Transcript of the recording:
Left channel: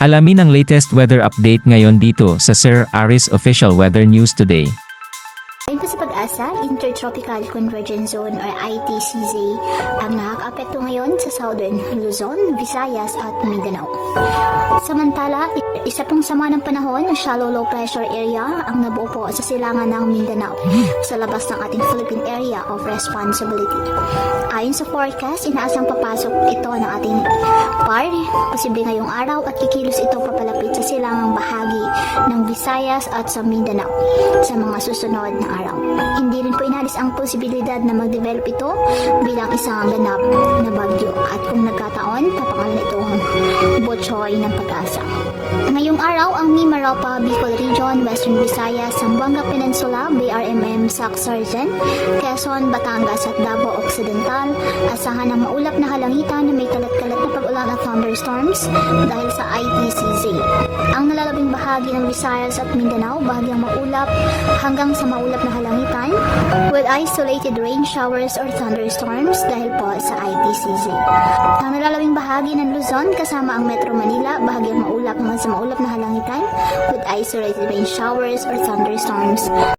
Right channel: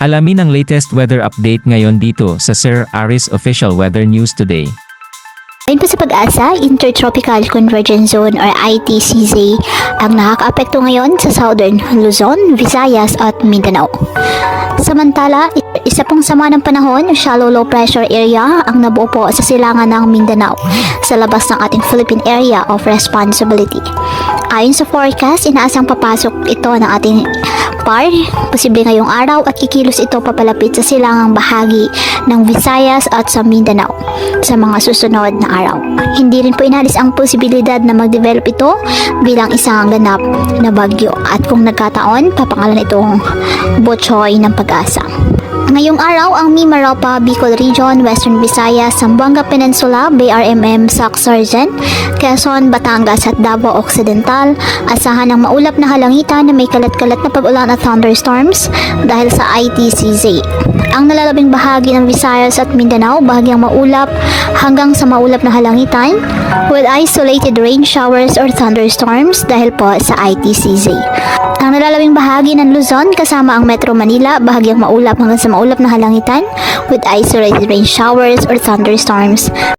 Alamin ang latest weather update ngayon dito sa Sir Aris Official Weather News Today. Ayon po sa Pag-asa, Intertropical Convergence Zone or ITCZ ang nakakaapekto ngayon sa Southern Luzon, Visayas at Mindanao. Samantala, isa pong sama ng panahon, shallow low pressure area ang nabuo po sa silangan ng Mindanao sa labas ng ating Philippine Area of Responsibility. Ayon sa forecast, inaasang papasok ito ng ating PAR, posible ngayong araw at kikilos ito papalapit sa silangang bahagi ng Visayas at sa Mindanao sa mga susunod na araw. Hindi rin po inalis ang posibilidad na mag-develop ito bilang isang ganap na bagyo at kung nagkataon, papangalan itong Botchoy ng Pag-asa. Ngayong araw, ang Mimaropa, Bicol Region, Western Visayas, Zamboanga Peninsula, BRMM, Sac-Sargen, Quezon, Batangas at Davao Occidental, asahan ng maulap na halangitan na may kalat-kalat na pag-ulan at thunderstorms dahil sa ITCZ. Ang nalalabing bahagi ng Visayas at Mindanao, bahagyang maulap hanggang sa maulap na halangitan with isolated rain showers or thunderstorms dahil po sa ITCZ. Ang nalalabing bahagi ng Luzon kasama ang Metro Manila, bahagyang maulap hanggang sa maulap na halangitan with isolated rain showers or thunderstorms